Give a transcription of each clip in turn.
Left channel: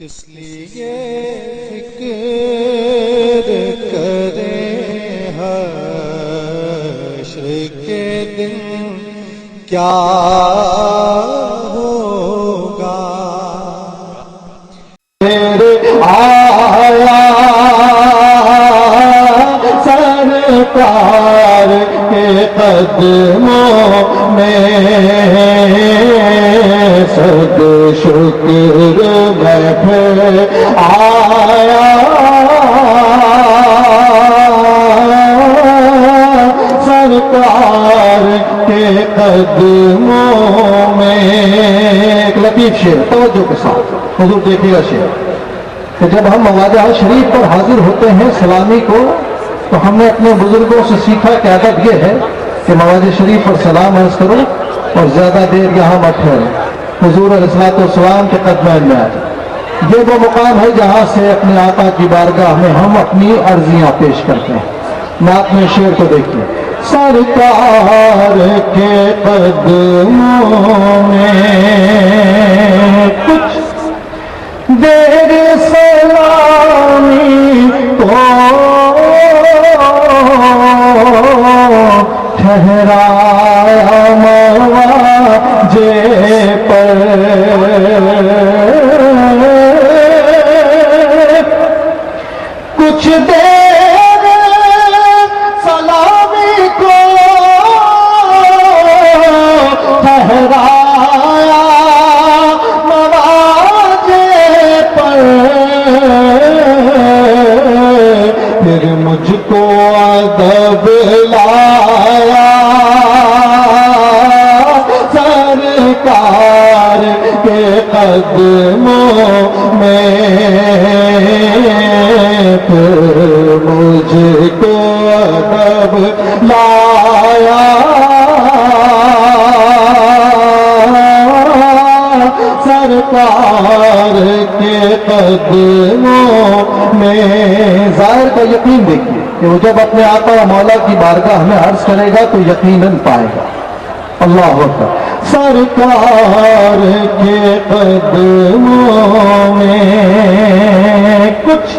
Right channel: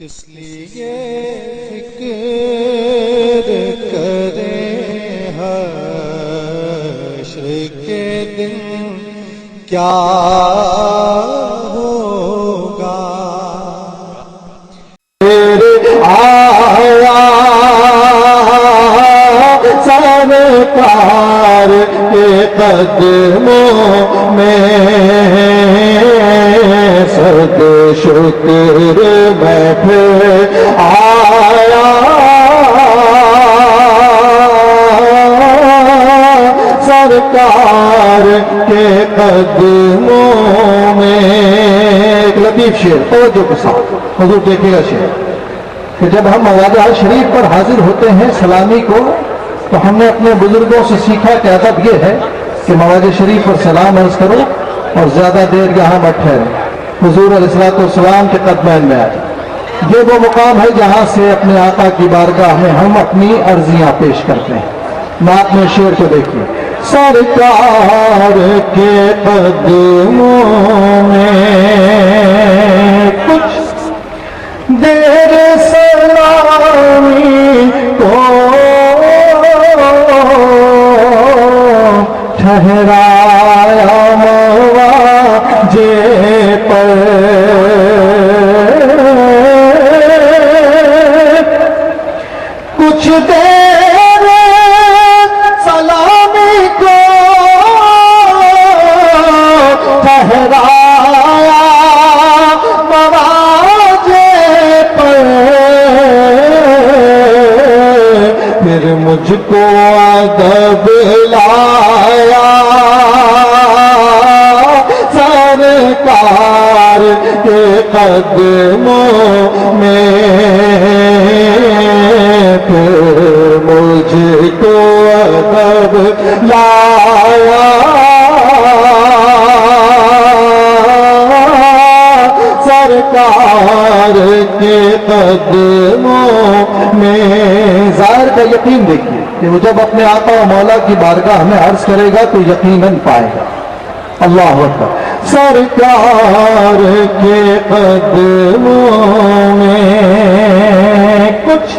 کس لیے فکر کریں حشر کے دن کیا ہوگا؟ آیا سرکار کے قدموں میں صد شکر بیٹھے آیا سرکار کے قدموں میں۔ ایک لطیف شعر توجہ کے ساتھ حضور دیکھے گا شعر کہ جب ہم مواضع شریف پر حاضر ہوتے ہیں سلامی کو، تو ہم نے اپنے بزرگوں سے سیکھا کہ ادب یہ ہے کہ مواضع شریف پر سلام عرض کرو اور زیادہ دیر یہاں مت ٹھہرو، حضور علیہ السلام کے قدمین میں آ جائے۔ یہ وہ مقام ہے جہاں سے اپنے آقا کی بارگاہ میں ہم اپنی عرضیاں پیش کرتے ہیں۔ نعت میں شعر کو دیکھیے۔ سرکار کے قدموں میں کچھ دیر سلامی کو ٹھہرایا مواضع پر، کچھ دیر سلامی کو ٹھہرایا مواضع پر، پھر مجھ کو ادب لایا سرکار کے قدموں میں، پھر مجھ کو ادب لایا سرکار کے قدموں میں۔ ظاہر کا یقین دیکھیے کہ وہ جب اپنے آقا و مولا کی بارگاہ میں عرض کرے گا تو یقیناً پائے گا۔ اللہ اکبر۔ سرکار کے قدموں میں کچھ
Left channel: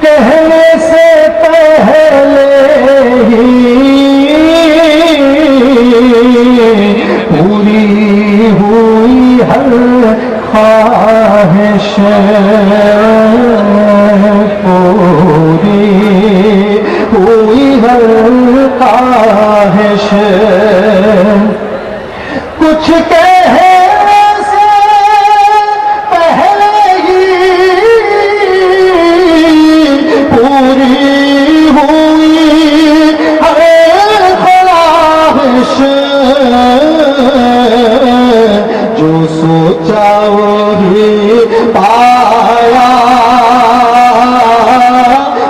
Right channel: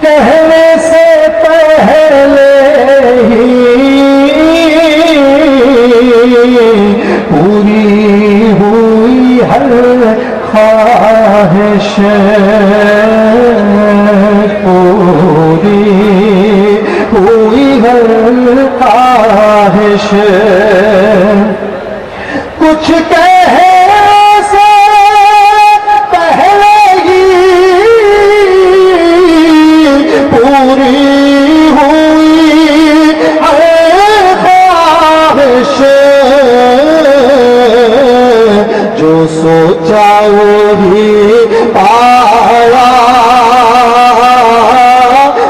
کہنے سے پہلے ہی پوری ہوئی ہر خواہش، پوری ہوئی ہر خواہش، کچھ کہنے سے پہلے ہی پوری ہوئی ہر خواہش، جو سوچا وہی پایا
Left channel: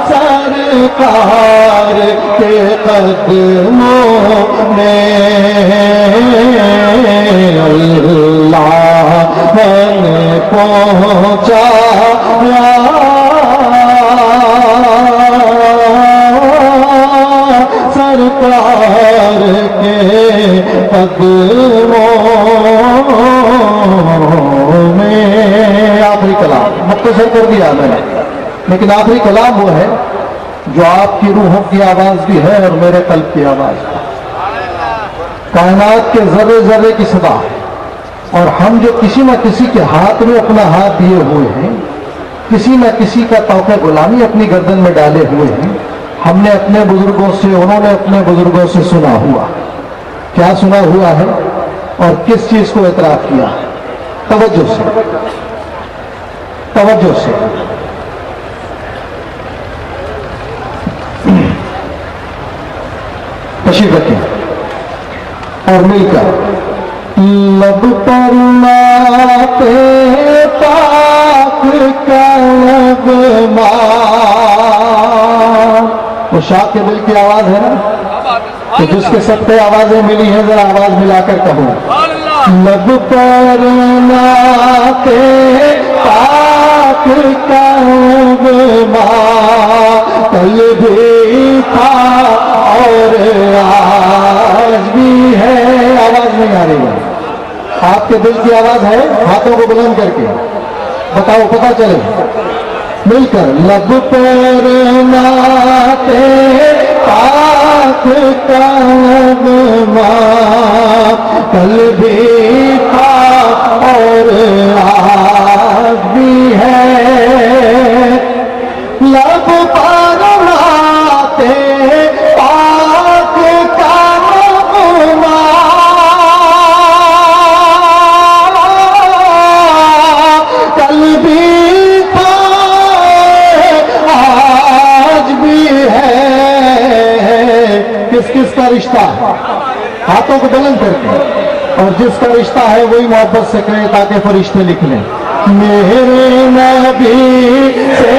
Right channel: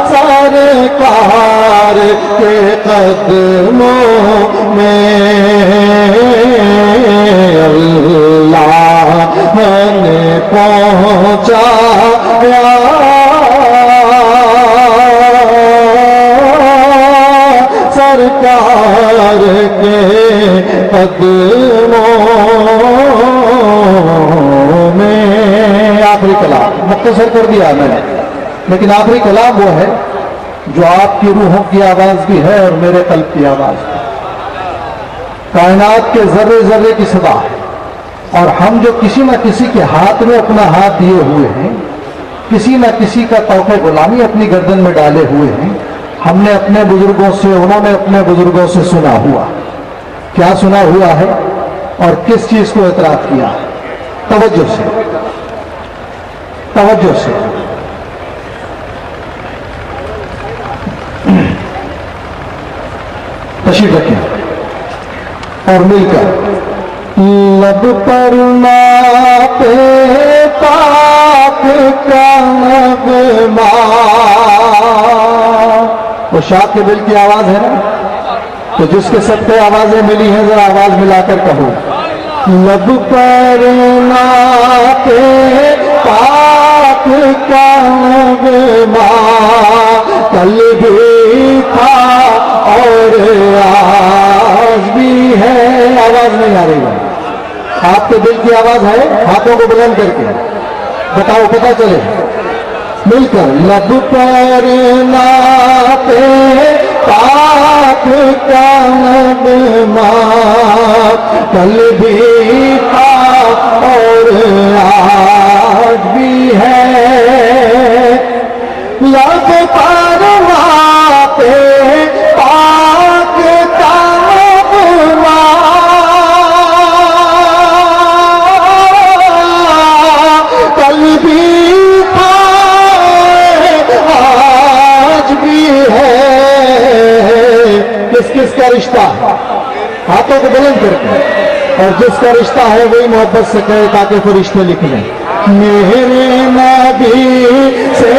سرکار کے قدموں میں، اللہ نے پہنچایا سرکار کے قدموں میں۔ آخری کلام مختصر کر دیا میں نے، لیکن آخری کلام وہ ہے جو آپ کی روحوں کی آواز بھی ہے اور میرے قلب کی آواز ہے، کائنات کے ذرے ذرے کی صدا ہے، اور ہم جو کسی نہ کسی کے ہاتھ میں اپنا ہاتھ دیے ہوئے ہیں، کسی نہ کسی کا طوق غلامی اپنی گردن میں ڈالے ہوئے ہیں، ہم نے اپنے بزرگوں سے، انہوں نے اپنے بزرگوں سے سنا ہوا، کیا سنا ہوا ہے اور کس چیز کو اعتراف کیا ہے؟ توجہ سے توجہ سے تشریف رکھیں اور مل کر لب پر نعت پاک کا نغمہ، وہ شاہ کے دل کی آواز ہے نا، تو جس کے صدقے آوازیں ملی ہیں ذرا آواز ملا کر کہو۔ لب پر نعت پاک کا نغمہ کل بھی تھا اور آج بھی ہے۔ آواز نہیں آ رہی ہے، آپ کے دل کی آواز ہے، ہاتھوں کو بلند کر کے بتاؤ پتا چلے مل کر لب پر ناپے پاک کا نغمہ کل بھی تھا اور آج بھی ہے لب پر ناپے پاک کا نغمہ کل بھی تھا آج بھی ہے کس کس کا رشتہ ہاتھوں کو بلند کر کے اور جس کا رشتہ ہے وہی محبت سے کہے تاکہ فرشتے لکھ لیں میرے نبی سے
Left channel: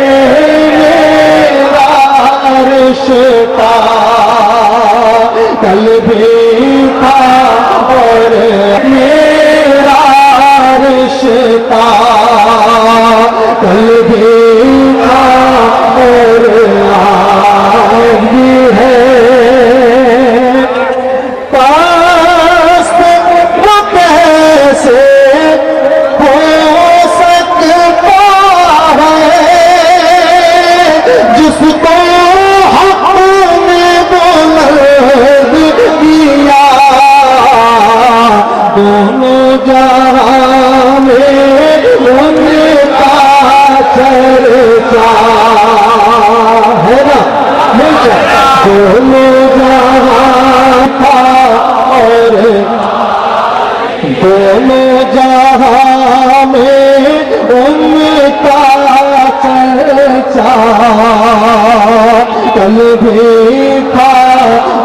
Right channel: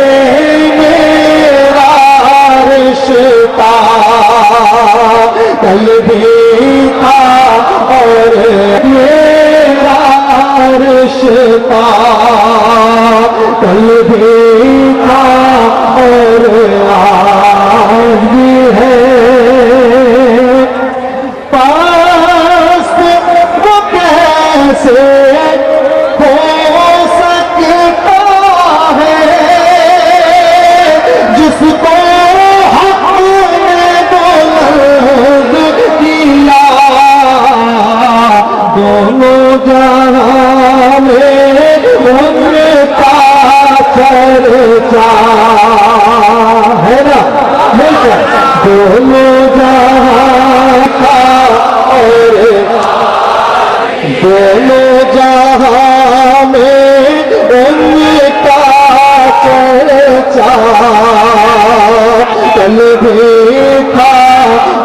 میرا رشتہ کل بھی تھا اور میرا رشتہ کل بھی تھا اور آج بھی ہے پاس وہ کیسے ہو سکتا ہے جس کو حق نے بلند کیا دونوں جہاں میں ان کا چرچا ہے نا مل کر دونوں جہاں کا اور دونوں جہاں میں ان کا چرچا کل بھی تھا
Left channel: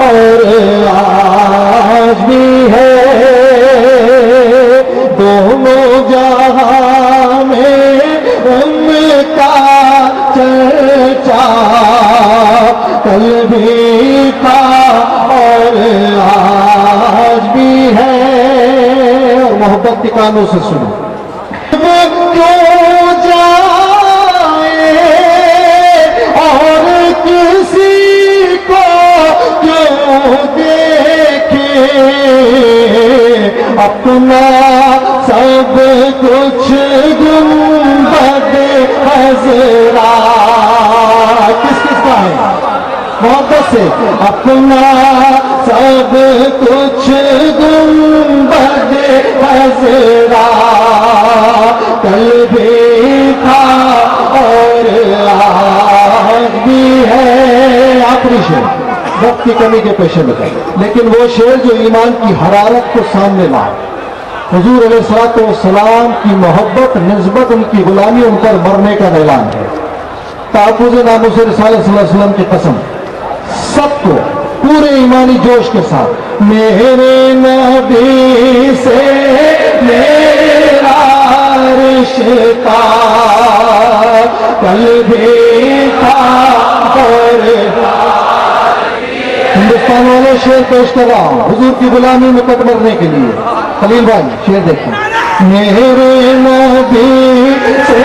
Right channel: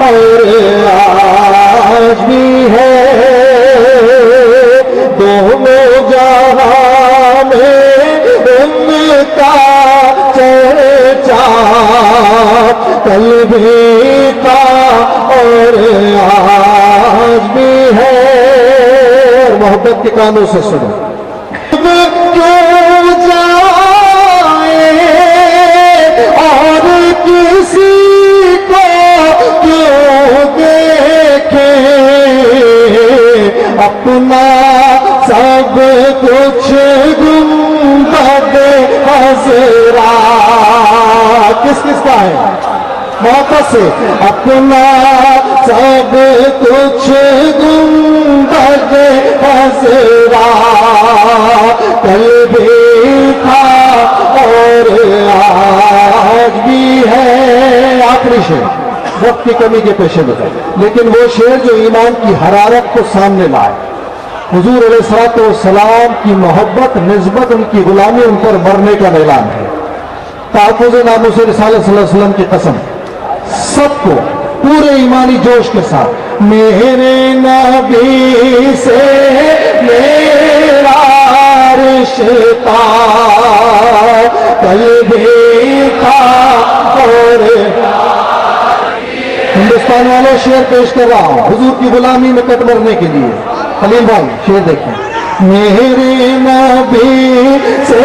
اور آج بھی ہے دونوں جہاں میں ان کا چرچا کل بھی تھا اور آج بھی ہے محبت کے کانوں سے سنو کیوں جائے اور کسی کو کیوں دیکھے اپنا سب کچھ گنبد حضرا کس کس کا ہے محبت سے اپنا سب کچھ گنبد حضرا کل بھی تھا اور آج بھی ہے آخری شعر وقت کی کمی کے پیش نظر لیکن وہ شعر جو ایمان کی حرارت کو سامنے لائے حضور علیہ الصلوۃ والسلام کی محبت نسبت ان کی غلامی ان پر مرنے کا اعلان ہے تحفظ ناموس رسالت صلی اللہ علیہ وسلم کی قسم سب کو پورے ایمانی جوش کے ساتھ میرے نبی سے میرا رشتہ کل بھی تھا اور ہندوستان والوں شعر پیش کر رہا ہوں حضور کی غلامی میں کٹ مرنے کے لیے خلیل بھائی شعر دیکھیں میرے نبی سے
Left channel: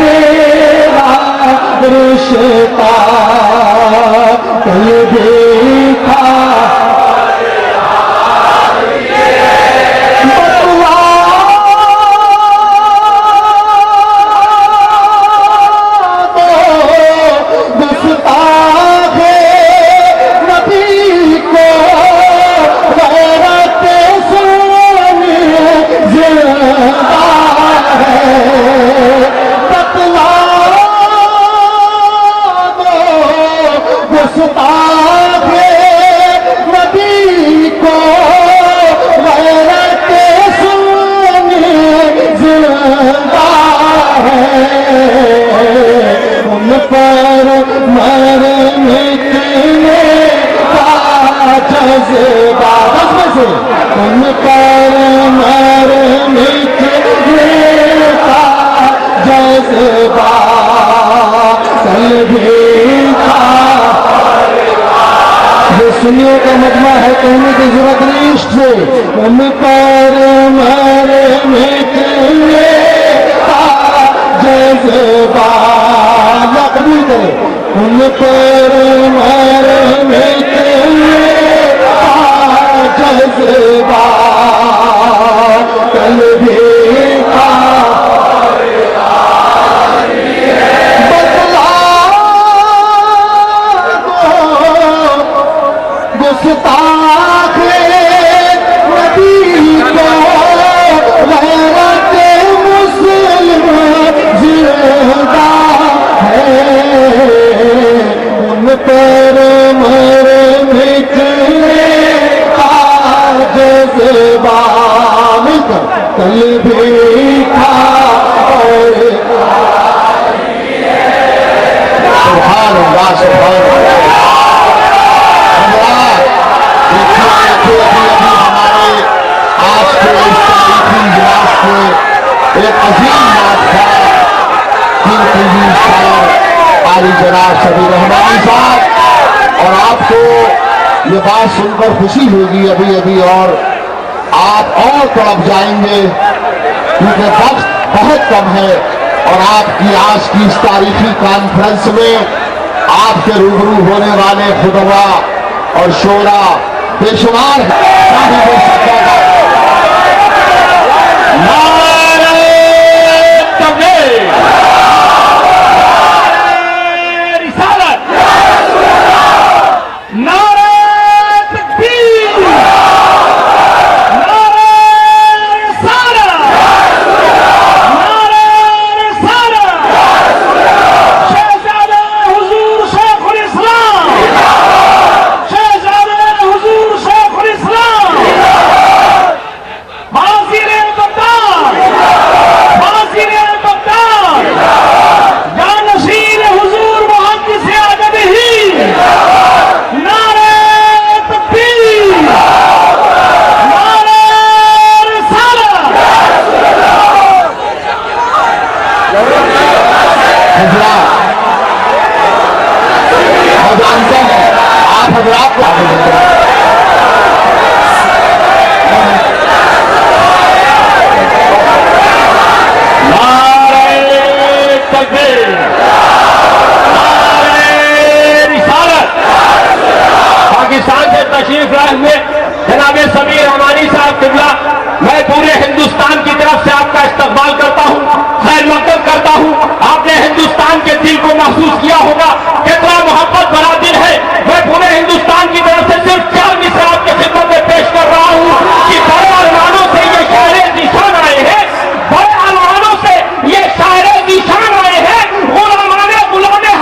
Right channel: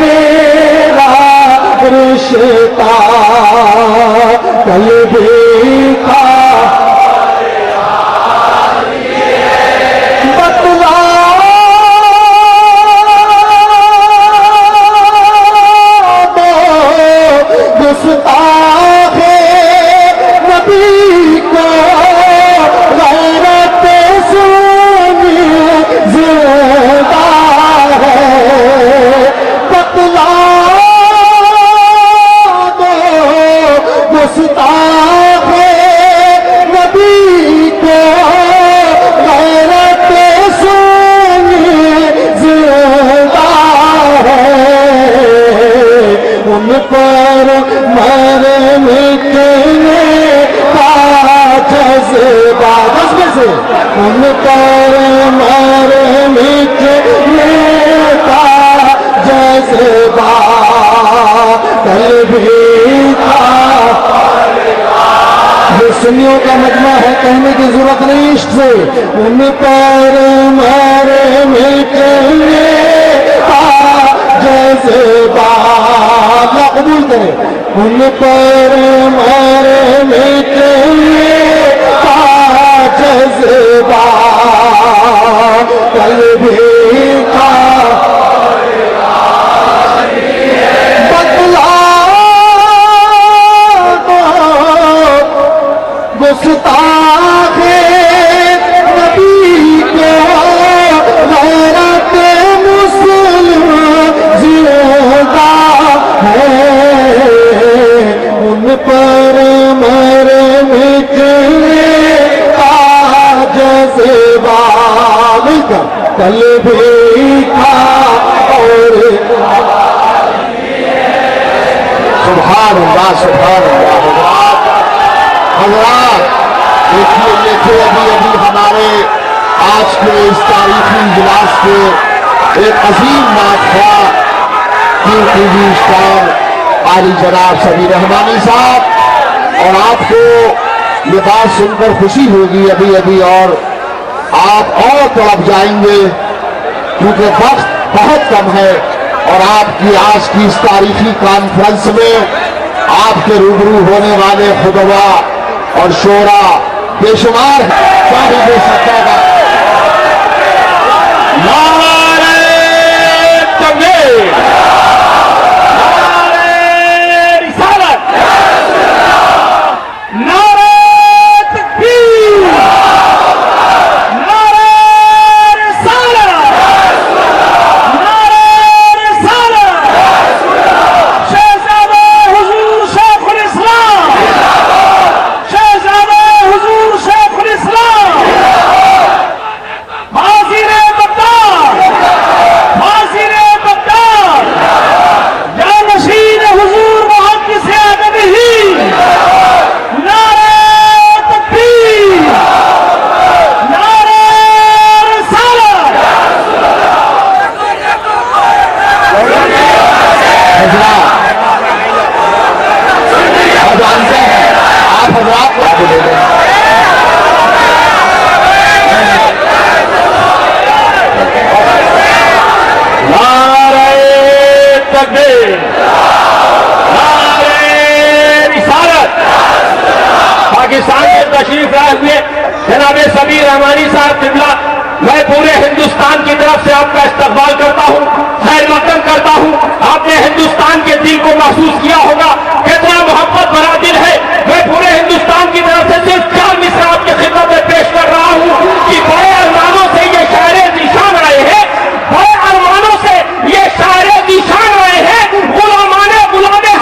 میرا رشتہ کل بھی تھا بتلا دو گستاخ نبی کو غیرت سونی زندہ ہے بتلا گستاخ نبی کو غیرت سونی زندہ ہے ان پر مٹنے کا جذبہ سے ان پر مٹنے کا جذبہ کل بھی تھا سنیوں کا مجمع ہے کہنے کی ضرورت نہیں عشق سے ان پر مرنے کا جذبہ اللہ قبول کرے ان پر مرنے کا جذبہ کل بھی تھا تھا اور سبحان اللہ سبحان اللہ. حضرات دیکھو ابھی ہمارے آج کے اس تاریخی اجلاس کے ایک عظیم ماتحا اسٹار قاری جناب سمیع رحمانی صاحب، اور آپ کو یہ بات سن کر خوشی ہوگی ابھی اور آپ اور تڑپ جائیں گے کیونکہ وقت بہت کم ہے، اور آپ کی آج کی اس تاریخی کانفرنس میں آپ کے روبرو ہونے والے خطبہ اور شعراء بے شمار صاحب سجادہ. نعرہ تکبیر، نعرہ رسالت، نعرہ تکبیر، نعرہ رسالت، نعرہ رسالت. شہزادہ حضور شیخ الاسلام، شہزادہ حضور شیخ الاسلام، حاضر بغداد، حاضر بغداد، جانشین حضور محدث ادبی، نعرہ تکبیر، نعرہ رسالت. حضرات آپ جانتے ہیں، آپ حضرات کو نعرہ تکبیر، نعرہ رسالت. پاکستان سے تشریف لائے ہوئے جناب سمیع رحمانی صاحب قبلہ، میں پورے ہندوستان کی طرف سے آپ کا استقبال کرتا ہوں، خیر مقدم کرتا ہوں. آپ نے ہندوستان کے دل کو محسوس کیا ہوگا کتنا محبت بھرا دل ہے. میں پورے ہندوستان کی طرف سے صرف 4 مصرع آپ کی خدمت میں پیش کر رہا ہوں کہ بڑے ارمانوں سے یہ شاعر ذیشان آئے ہیں، بڑے ارمانوں سے یہ شاعر ذیشان آئے ہیں، غلامان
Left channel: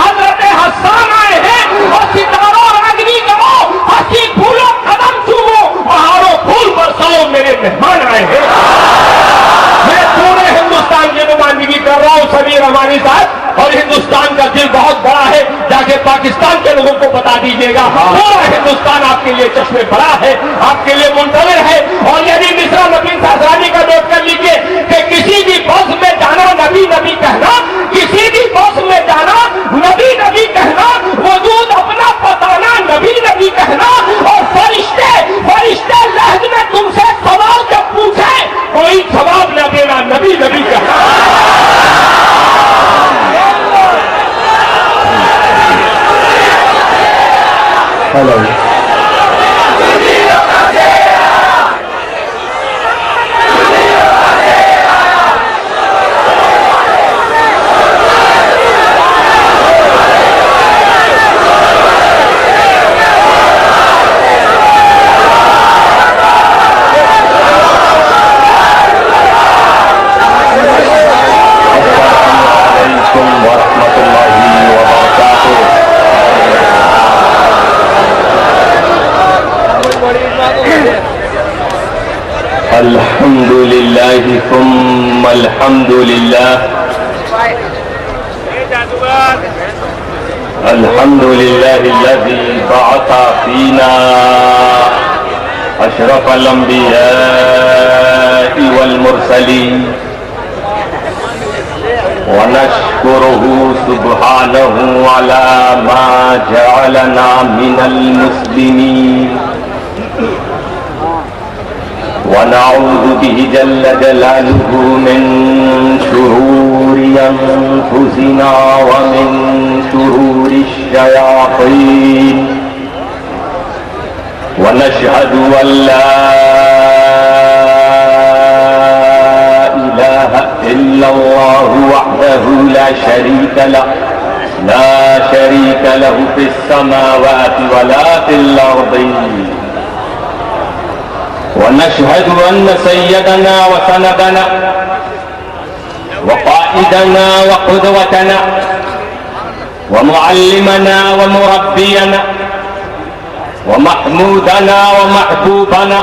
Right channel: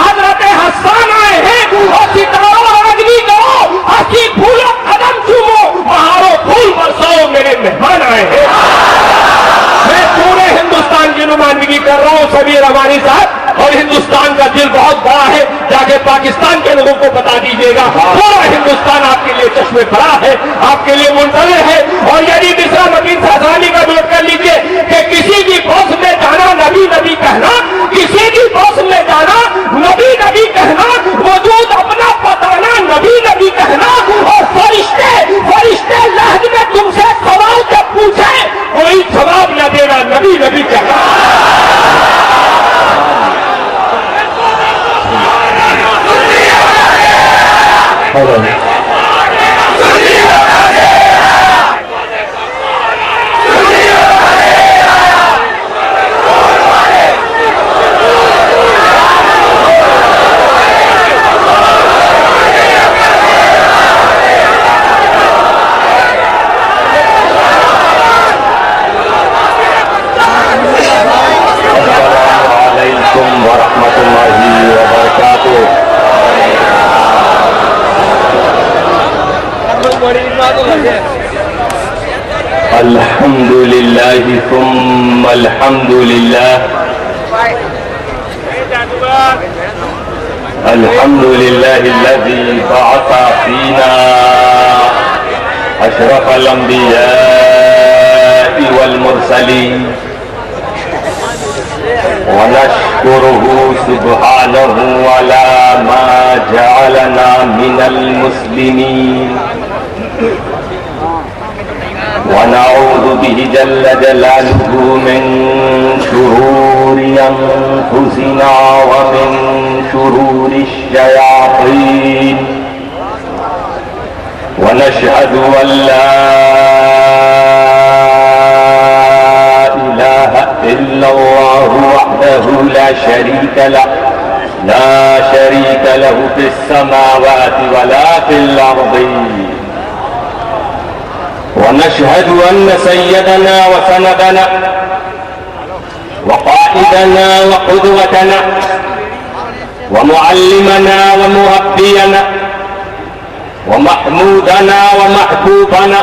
حضرت حسان آئے ہیں. اور ستاروں راگنی کرو، ہنسی پھولو قدم چومو، بہاروں پھول برساؤ، میرے مہمان آئے ہیں. میں پورے ہندوستان کی نمائندگی کر رہا ہوں سمیع رحمانی صاحب، اور ہندوستان کا دل بہت بڑا ہے، جا کے پاکستان کے لوگوں کو بتا دیجیے گا پورا ہندوستان آپ کے لیے چشمے بھرا ہے، آپ کے لیے منتظر ہے. اور یعنی مصرع متین فیضانی کا نوٹ کر لیجیے کہ کسی کی بس میں جانا نبی نبی کہنا، کسی کی بس میں جانا نبی نبی کہنا، وجود اپنا بتانا نبی نبی کہنا، اور فرشتے لہج میں تم سے سوال جب پوچھے کوئی جواب نہ دینا نبی نبی کہنا. الحمد لله ثم الحمد لله، الحمد لله الذي بعث فينا أشرف الأنبياء والمرسلين، ونشكره سبحانه على ما جعلنا من المسلمين، ونعوذ به جل جلاله من شرور أنفسنا ومن شرور الشياطين، ونشهد أن لا إله إلا الله وحده لا شريك له، لا شريك له في السماوات ولا في الأرض. ونشهد أن سيدنا وسندنا وقائدنا وقدوتنا ومعلمنا ومربينا ومحمودنا ومحبوبنا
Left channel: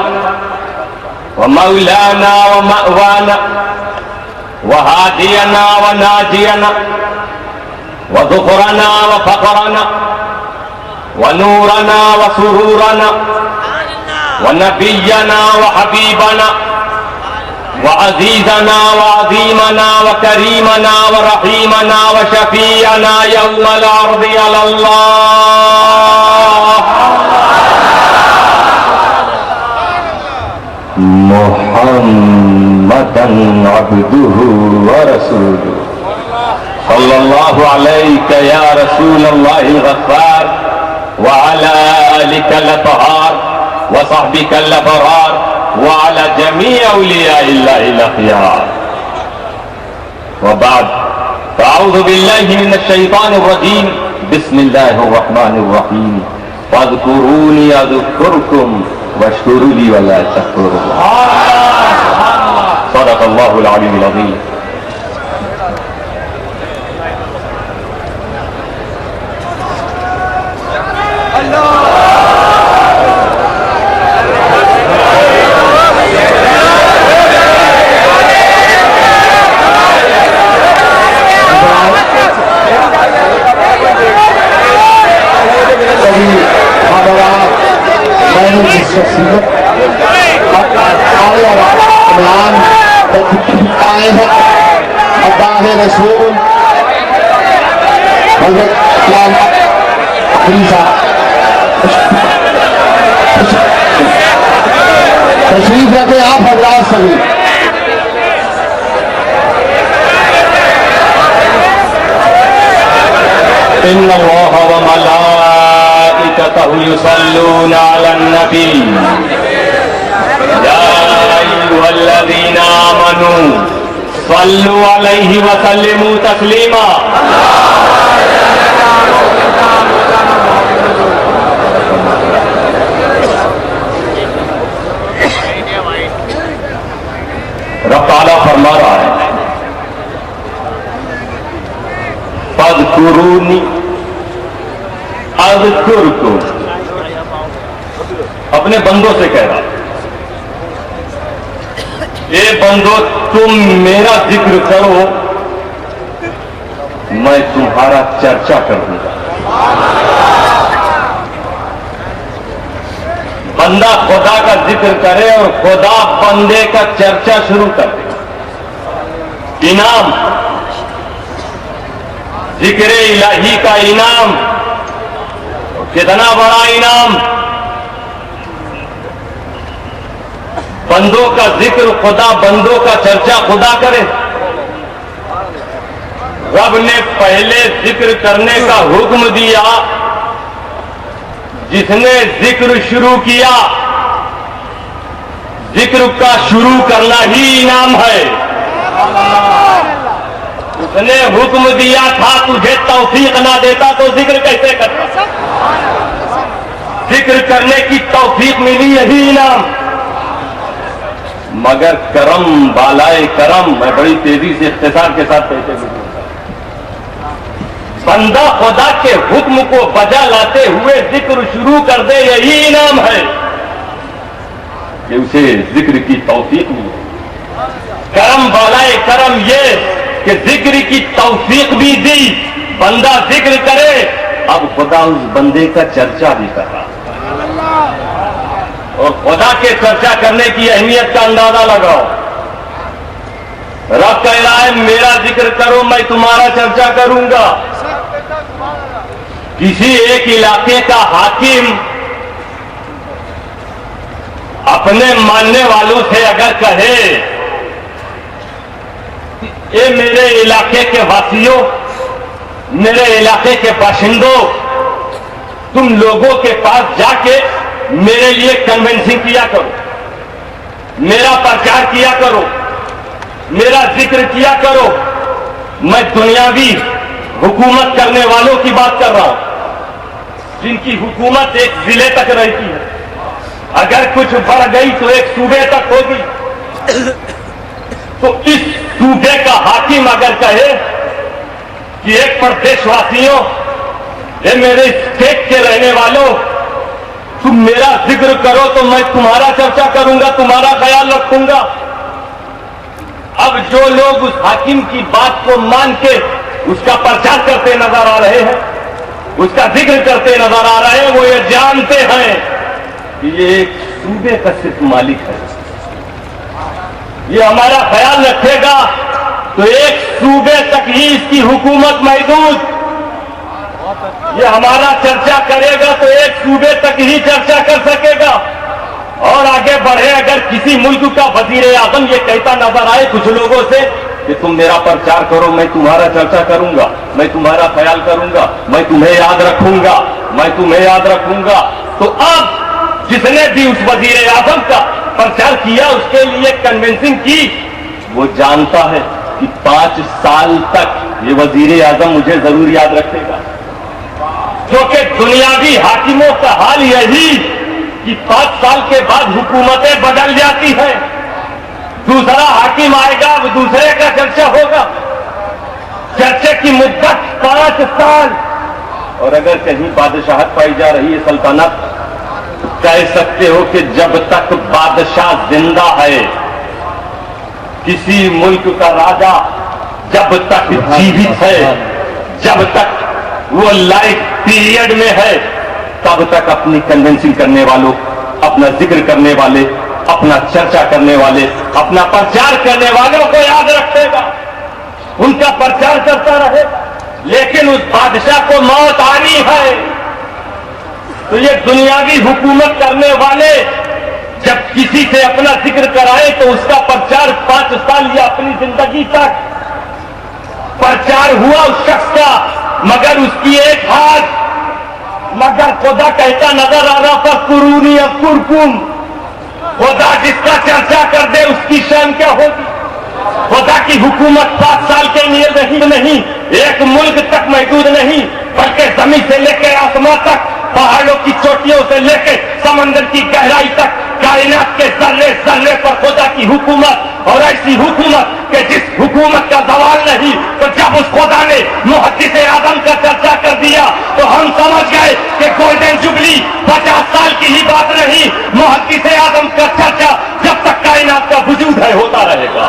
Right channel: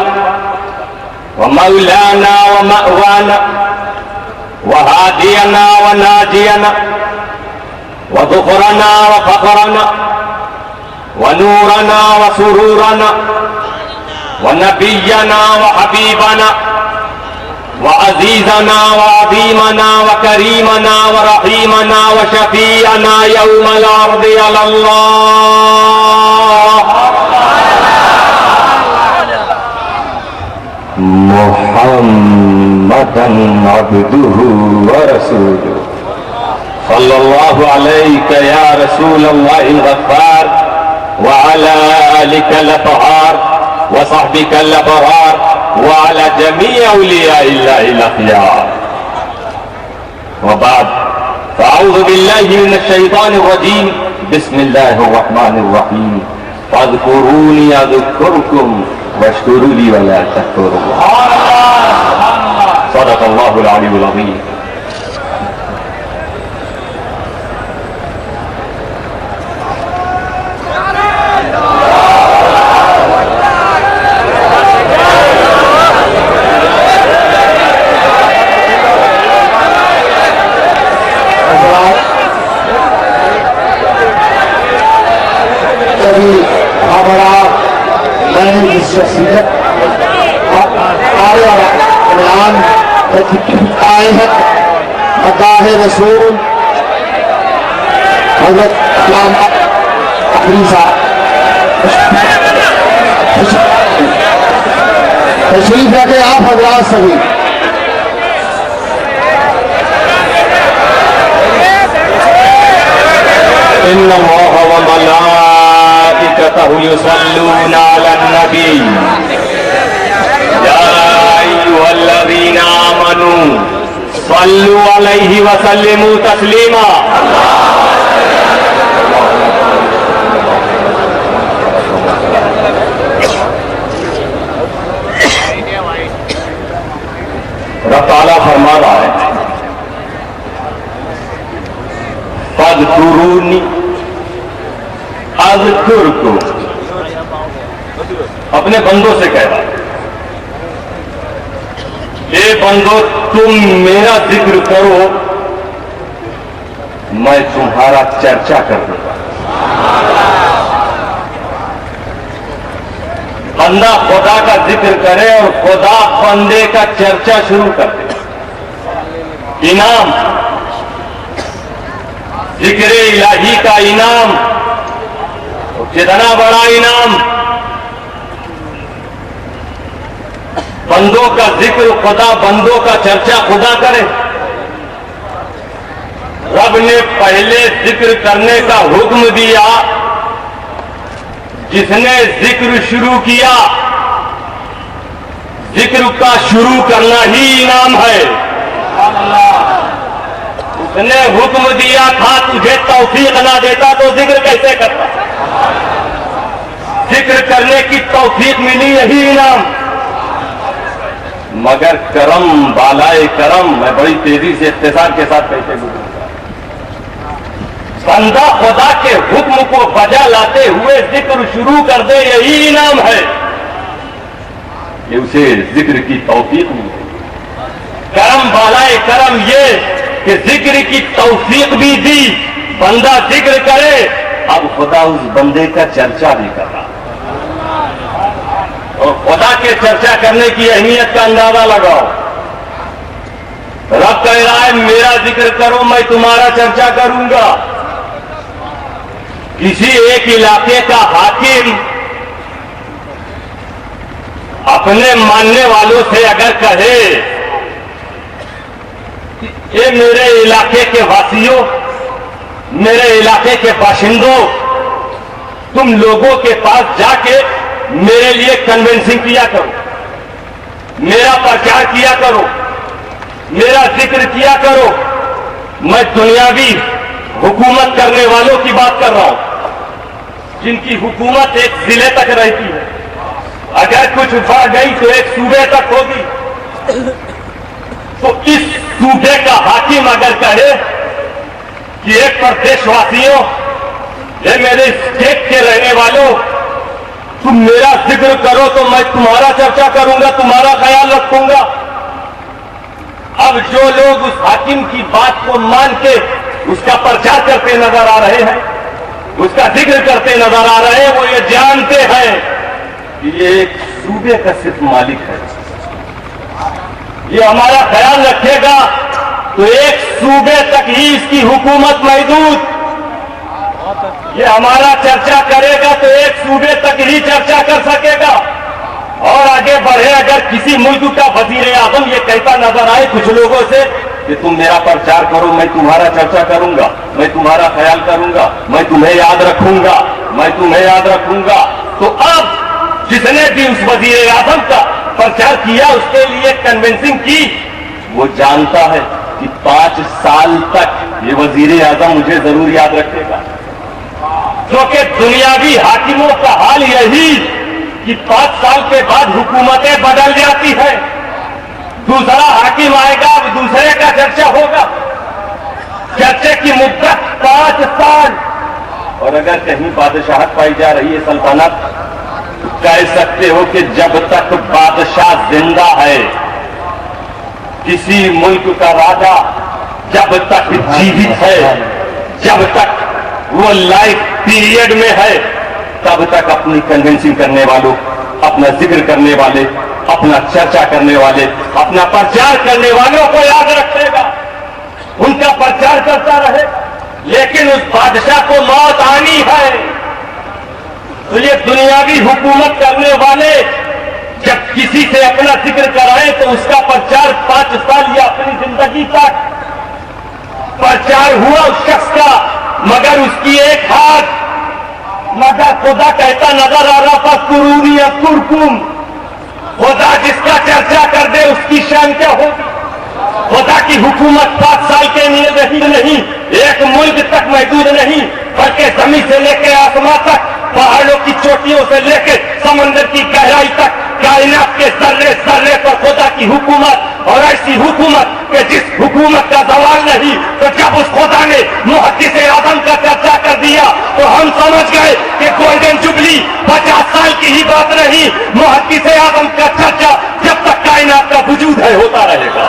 ومولانا ومأوانا وهادينا وناجينا وذخرنا وفخرنا ونورنا وسرورنا ونبينا وحبيبنا وعزيزنا وعظيمنا وكريمنا ورحيمنا وشفيعنا يوم العرض على الله محمدا عبده ورسوله صلى الله عليك يا رسول الله الغفار وعلى آلك الأطهار وصحبك الأبرار وعلى جميع أولياء الله الأخيار وبعد فأعوذ بالله من الشيطان الرجيم بسم الله الرحمن الرحيم فاذكروني أذكركم واشكروا لي ولا تكفرون صدق الله العلي العظيم رسول حضرت علامہ اخری صاحب تشریف رکھے آپ حضرات سبھی ان اللہ وملائکتہ یصلون علی النبی یا ایھا الذین آمنوا صلوا علیہ وسلموا تسلیما رب تعالیٰ فرما رہا ہے فاذکرونی اذکرکم اپنے بندوں سے کہہ رہا ہے اے بندو تم میرا ذکر کرو میں تمہارا چرچا کر دوں گا بندہ خدا کا ذکر کرے اور خدا بندے کا چرچا شروع کر دے انعام ذکر الہی کا انعام کتنا بڑا انعام بندوں کا ذکر خدا بندوں کا چرچا خدا کرے رب نے پہلے ذکر کرنے کا حکم دیا جس نے ذکر شروع کیا ذکر کا شروع کرنا ہی انعام ہے اس نے حکم دیا تھا تجھے توفیق نہ دیتا تو ذکر کیسے کرتا ذکر کرنے کی توفیق ملی یہی انعام مگر کرم بالائے کرم میں بڑی تیزی سے اختصار کے ساتھ کہتے ہیں بندہ خدا کے حکم کو بجا لاتے ہوئے ذکر شروع کر دے یہی انعام ہے کہ اسے ذکر کی توفیق ملی کرم بالائے کرم یہ کہ ذکر کی توفیق بھی دی بندہ ذکر کرے اب خدا اس بندے کا چرچا بھی کر رہا اور خدا کے چرچا کرنے کی اہمیت کا اندازہ لگاؤ رب کہہ رہا ہے میرا ذکر کرو میں تمہارا چرچا کروں گا کسی ایک علاقے کا حاکم اپنے ماننے والوں سے اگر کہے کہ میرے علاقے کے واسیوں میرے علاقے کے باشندوں تم لوگوں کے پاس جا کے میرے لیے کنونسنگ کیا کرو میرا پرچار کیا کرو میرا ذکر کیا کرو میں دنیاوی حکومت کرنے والوں کی بات کر رہا ہوں جن کی حکومت ایک ضلع تک رہتی ہے اگر کچھ بڑھ گئی تو ایک صوبے تک ہوگی تو اس صوبے کا حاکم اگر کہے کہ ایک پردیش واسیوں یہ میرے اسٹیٹ کے رہنے والوں تم میرا ذکر کرو تو میں تمہارا چرچا کروں گا تمہارا خیال رکھوں گا اب جو لوگ اس حاکم کی بات کو مان کے اس کا پرچار کرتے نظر آ رہے ہیں، اس کا ذکر کرتے نظر آ رہے ہیں، وہ یہ جانتے ہیں کہ یہ ایک صوبے کا صرف مالک ہے. یہ ہمارا خیال رکھے گا تو ایک صوبے تک ہی اس کی حکومت محدود. یہ ہمارا چرچا کرے گا تو ایک صوبے تک ہی چرچا کر سکے گا، اور آگے بڑھے اگر کسی ملک کا وزیر اعظم یہ کہتا نظر آئے کچھ لوگوں سے کہ تم میرا پرچار کرو، میں تمہارا چرچا کروں گا، میں تمہارا خیال کروں گا، میں تمہیں یاد رکھوں گا، میں تمہیں یاد رکھوں گا، تو اب جس نے بھی اس وزیر اعظم کا پرچار کیا، اس کے لیے کنونسنگ کی، وہ جانتا ہے کہ 5 سال تک یہ وزیر اعظم مجھے ضرور یاد رکھے گا. کیونکہ دنیاوی حاکموں کا حال یہی کہ 5 سال کے بعد حکومتیں بدل جاتی ہیں، دوسرا حاکم آئے گا، دوسرے کا چرچا ہوگا، چرچے کی مدت 5 سال. اور اگر کہیں بادشاہت پائی جا رہی ہے، سلطنت، کہہ سکتے ہو کہ جب تک بادشاہ زندہ ہے، کسی ملک کا راجا جب تک جیوت ہے، جب تک وہ لائف پیریڈ میں ہے، تب تک اپنی کنونسنگ کرنے والوں، اپنا ذکر کرنے والے، اپنا چرچا کرنے والے، اپنا پرچار کرنے والوں کو یاد رکھے گا، ان کا پرچار کرتا رہے. لیکن اس بادشاہ کو موت آنی ہے تو یہ دنیاوی حکومت کرنے والے جب کسی سے اپنا ذکر کرائے تو اس کا پرچار 5 سال یا اپنی زندگی تک پرچار ہوا اس شخص کا، مگر اس کی ایک ہاتھ، مگر خدا کہتا نظر آ رہا فاذکرونی اذکرکم. خدا جس کا چرچا کر دے اس کی شان کیا ہوگی. خدا کی حکومت 5 سال کے لیے نہیں، ایک ملک تک محدود نہیں، بلکہ زمین سے لے کے آسمان تک، پہاڑوں کی چوٹیوں سے لے کے سمندر کی گہرائی تک، کائنات کے ذرے ذرے پر خدا کی حکومت، اور ایسی حکومت کہ جس حکومت کا زوال نہیں. تو جب اس خدا نے محدث اعظم کا چرچا کر دیا تو ہم سمجھ گئے کہ گولڈن جبلی 50 سال کی ہی بات نہیں، محدث اعظم کا چرچا جب تک کائنات کا وجود ہے ہوتا رہے گا.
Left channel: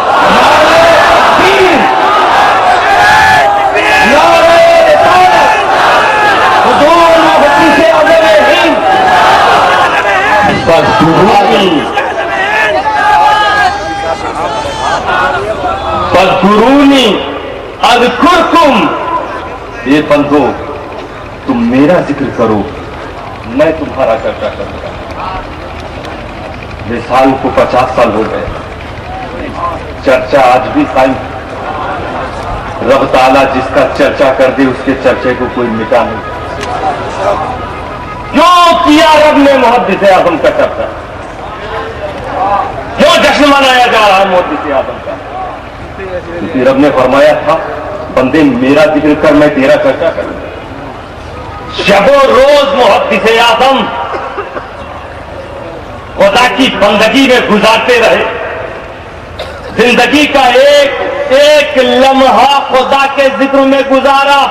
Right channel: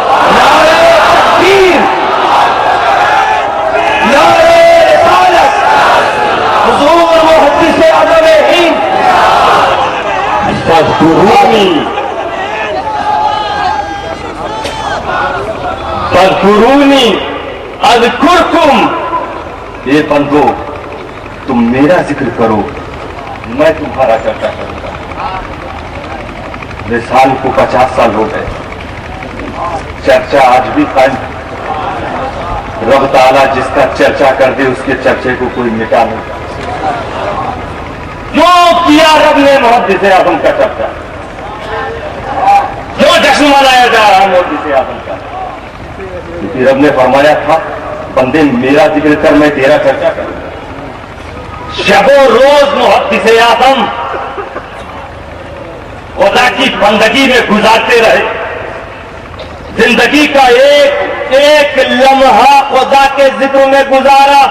حضور محدث اعظم ہند فاذکرونی اذکرکم. یہ بندو تم میرا ذکر کرو، میں تمہارا چرچا کروں گا. مثال کو 50 سال ہو گئے، چرچا آج بھی قائم. رب تعالیٰ جس کا چرچا کر دے اس کے چرچے کو کوئی مٹا نہیں. جو کیا رب نے محدث اعظم کا چرچا، جو جشن منایا جا رہا ہے محدث اعظم کا، کیونکہ رب نے فرمایا تھا بندے میرا ذکر کر، میں تیرا چرچا کروں. شب و روز محدث اعظم خدا کی بندگی میں گزارتے رہے، زندگی کا ایک لمحہ خدا کے ذکر میں گزارا،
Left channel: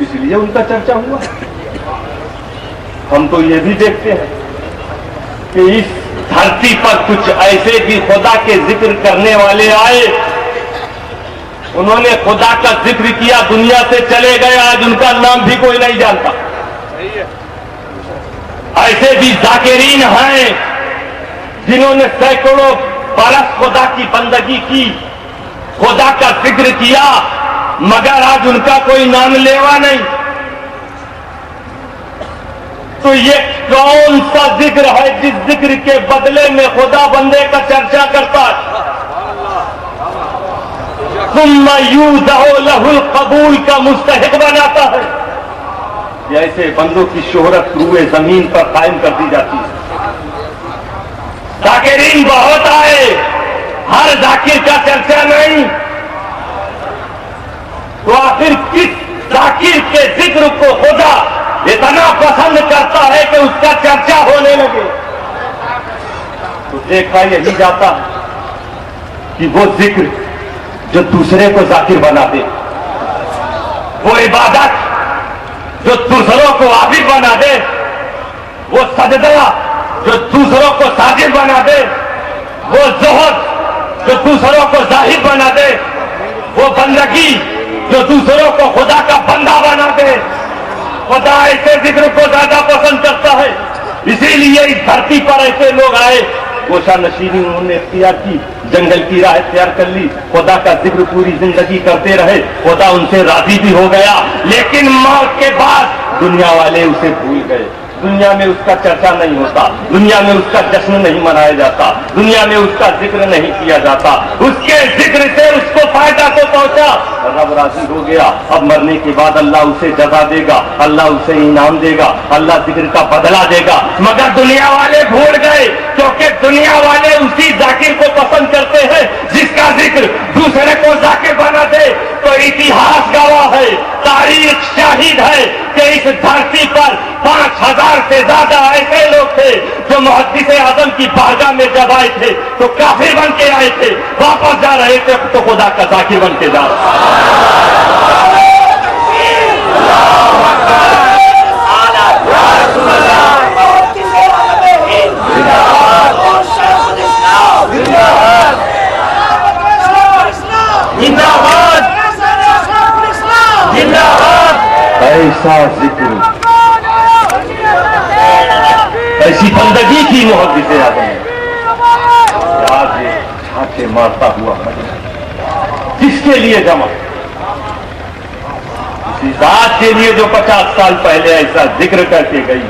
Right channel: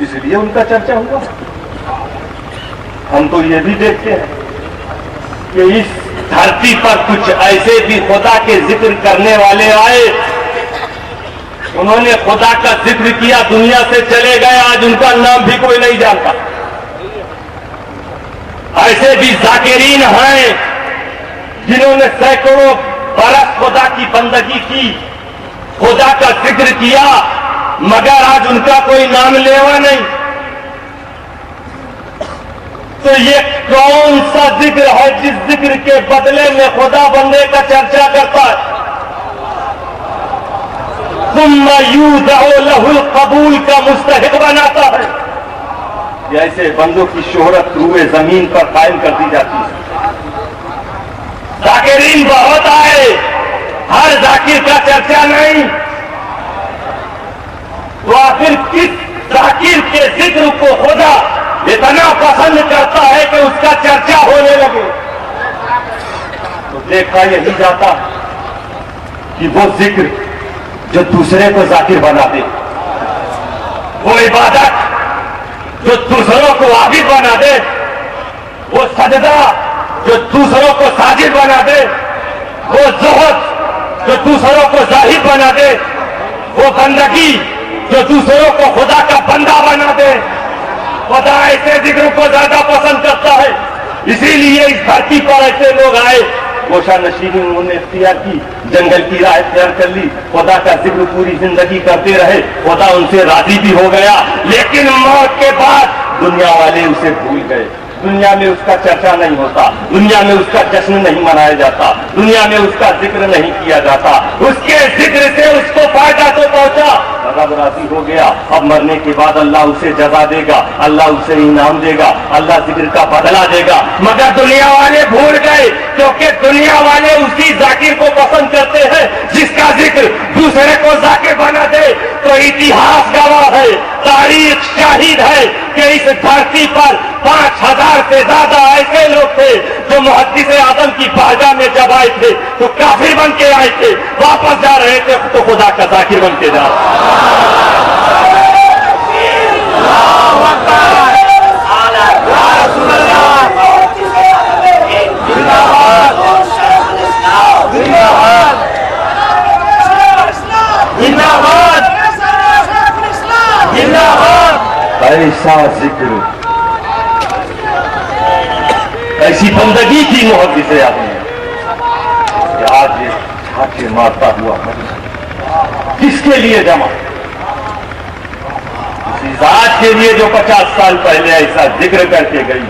اس لیے ان کا چرچا ہوا. ہم تو یہ بھی دیکھتے ہیں کہ اس دھرتی پر کچھ ایسے بھی خدا کے ذکر کرنے والے آئے، انہوں نے خدا کا ذکر کیا، دنیا سے چلے گئے، آج ان کا نام بھی کوئی نہیں جانتا. ایسے بھی ذاکرین ہیں جنہوں نے سینکڑوں برس خدا کی بندگی کی، خدا کا ذکر کیا، مگر آج ان کا کوئی نام لیوا نہیں. تو یہ کون سا ذکر ہے جس ذکر کے بدلے میں خدا بندے کا چرچا کرتا ہے؟ ثم یوضع لہ القبول کا مستحق بناتا ہے. یہ ایسے بندوں کی شہرت روئے زمین پر قائم کر دی جاتی ہے. ذاکرین بہت آئے، ہر ذاکر کا چرچا نہیں. تو آخر کس ذاکر کے ذکر کو خدا اتنا پسند کرتا ہے کہ اس کا چرچا ہونے لگے؟ تو دیکھا یہی جاتا کہ وہ ذکر جو دوسرے کو ذاکر بنا دے، وہ عبادت جو دوسروں کو عابد بنا دے، وہ سجدہ جو دوسروں کو ساجد بنا دے، وہ زہد جو دوسروں کو ظاہر بنا دے، وہ بندگی جو دوسروں کو خدا کا بندہ بنا دے، خدا ایسے ذکر کو زیادہ پسند کرتا ہے. اسی لیے اس دھرتی پر ایسے لوگ آئے، گوشہ نشینی انہوں نے اختیار کی، جنگل کی راہ اختیار کر لی، خدا کا ذکر پوری زندگی کرتے رہے، خدا ان سے راضی بھی ہو گیا. لیکن موت کے بعد دنیا والے اسے بھول گئے. دنیا میں اس کا چرچا نہیں ہوتا، دنیا میں اس کا جشن نہیں منایا جاتا، دنیا میں اس کا ذکر نہیں کیا جاتا. اس کے ذکر سے اس کو فائدہ تو پہنچا، رب راضی ہو گیا. اب مرنے کے بعد اللہ اسے جزا دے گا، اللہ اسے انعام دے گا، اللہ ذکر کا بدلہ دے گا. مگر دنیا والے بھول گئے، کیونکہ دنیا والے اسی ذاکر کو پسند کرتے ہیں جس کا ذکر دوسرے کو ذاکر بنا دے. تو اتہاس گواہ ہے، تاریخ شاہد ہے کہ اس دھرتی پر 5000 سے زیادہ ایسے لوگ تھے جو محدث اعظم کی بارگاہ میں جب آئے تھے تو کافر بن کے آئے تھے، واپس جا رہے تھے تو خدا کا ذاکر بن کے جا رہے تھے. ایسا ذکر، ایسی بندگی کی محبت سے آتے ہیں. آج یہ چھاتے مارتا ہوا کس کے لیے جمع؟ اسی ذات کے لیے جو 50 سال پہلے ایسا ذکر کر کے گئی،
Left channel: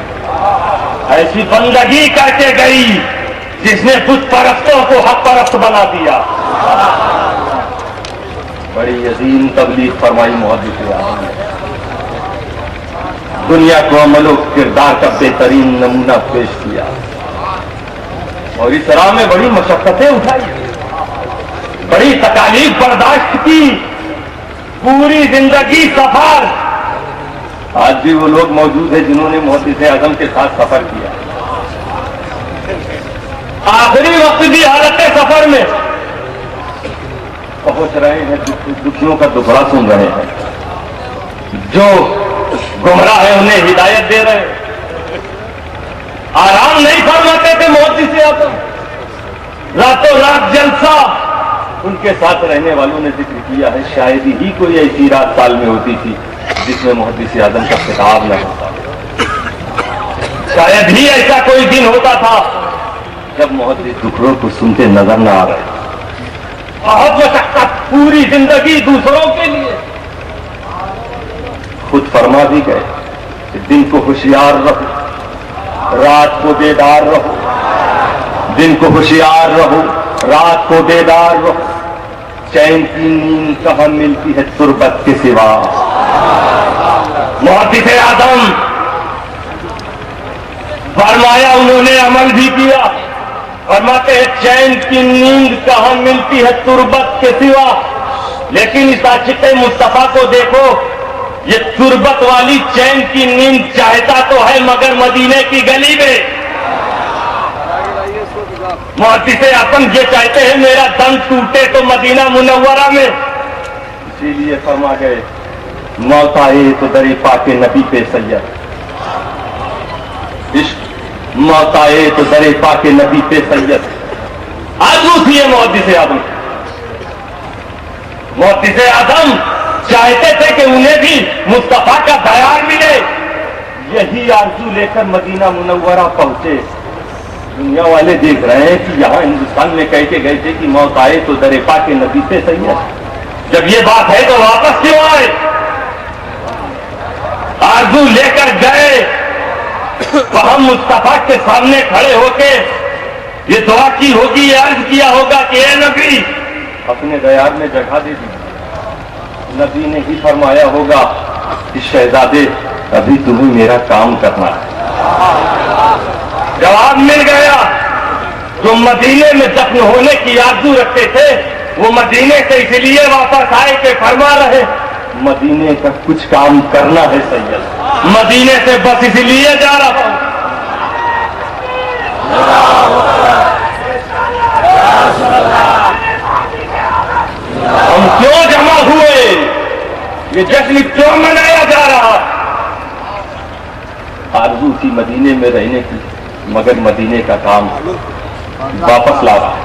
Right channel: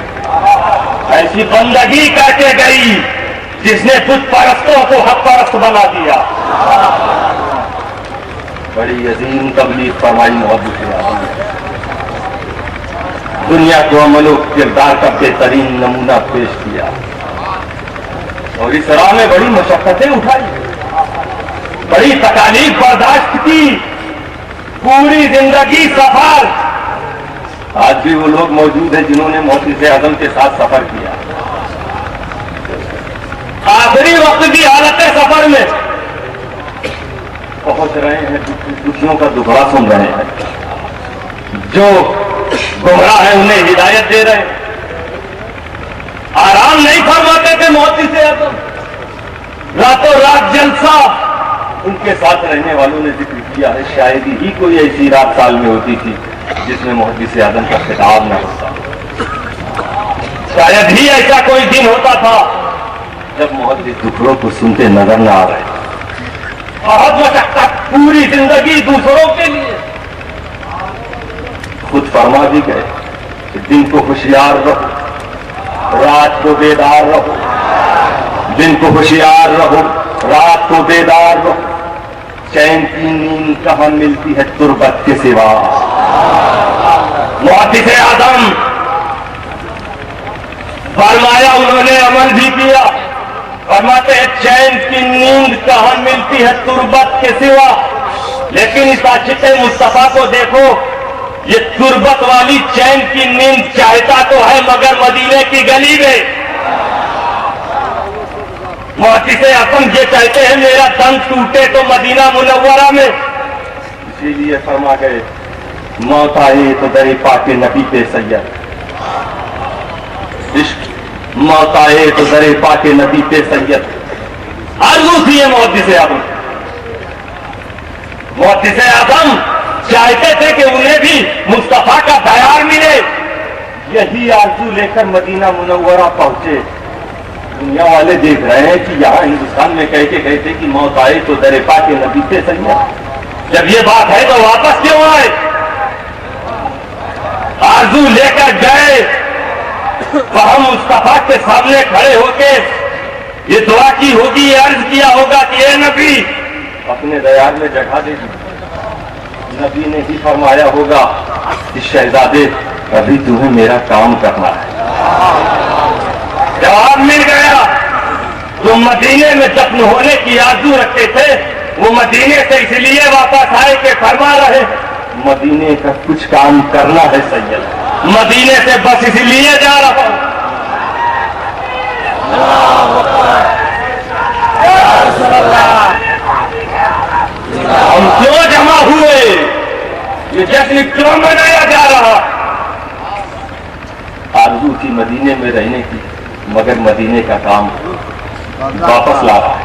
ایسی بندگی کر کے گئی جس نے بت پرستوں کو حق پرست بنا دیا. بڑی عظیم تبلیغ فرمائی محبت سے آتی ہے. دنیا کو عمل و کردار کا بہترین نمونہ پیش کیا اور اس راہ میں بڑی مشقتیں اٹھائی، بڑی تکالیف برداشت کی، پوری زندگی سفر. آج بھی وہ لوگ موجود ہیں جنہوں نے محدث اعظم کے ساتھ سفر کیا. آخری وقت کی حالت سفر میں پہنچ رہے ہیں، دوسروں کا دکھڑا سن رہے ہیں، جو گمراہ ہے انہیں ہدایت دے رہے ہیں. آرام نہیں فرماتے تھے محدث اعظم، راتوں رات جلسہ. ان کے ساتھ رہنے والوں نے ذکر کیا ہے شاید ہی کوئی ایسی رات سال میں ہوتی تھی جس میں محدث اعظم کا خطاب نہ ہوتا. شاید ہی ایسا کوئی دن ہوتا تھا جب محدث ٹکڑوں کو سنتے نظر نہ آ رہے. بہت مشقت، پوری زندگی دوسروں کے لیے. خود فرما بھی گئے کہ دن کو ہوشیار رہو، رات کو بیدار رہو. دن کو ہوشیار رہو، رات کو بیدار رہو. چین کی نیند کہاں ملتی ہے تربت کے سوا. محدث اعظم فرمایا، انہوں نے عمل بھی کیا. فرماتے ہیں چین کی نیند کہاں ملتی ہے تربت کے سوا. لیکن اس عاشق مصطفیٰ کو دیکھو، یہ تربت والی چین کی نیند چاہتا تو ہے مگر مدینے کی گلی میں. محدث اعظم یہ چاہتے ہیں میرا دم ٹوٹے تو مدینہ منورہ میں. اسی لیے فرما گئے موت آئی تو در پاک نبی پہ سید. موت آئے تو در پاک نبی پہ سید. آرزو تھی محدث اعظم. محدث اعظم چاہتے تھے کہ انہیں بھی مصطفیٰ کا بیان ملے. یہی آرزو لے کر مدینہ منورہ پہنچے. دنیا والے دیکھ رہے ہیں کہ یہاں ہندوستان میں کہہ کے گئے تھے کہ موت آئے تو در پاک نبی پہ سید. جب یہ بات ہے تو واپس کیوں آئے؟ آرزو لے کر گئے. ہم مصطفیٰ کے سامنے کھڑے ہو کے یہ دعا کی ہوگی، یہ عرض کیا ہوگا کہ اے نبی اپنے دیار میں جگہ دے دی. نبی نے بھی فرمایا ہوگا کہ شہزادے ابھی تمہیں میرا کام کرنا ہے. جواب مل گیا. جو مدینے میں دفن ہونے کی آرزو رکھتے تھے وہ مدینے سے اس لیے واپس آئے کہ فرما رہے مدینے کا کچھ کام کرنا ہے سید. مدینے سے بس اس لیے جا رہا ہوں. ہم کیوں جمع ہوئے؟ یہ جشن کیوں منایا جا رہا؟ آرزو تھی مدینے میں رہنے کی مگر مدینے کا کام واپس لا رہا ہے.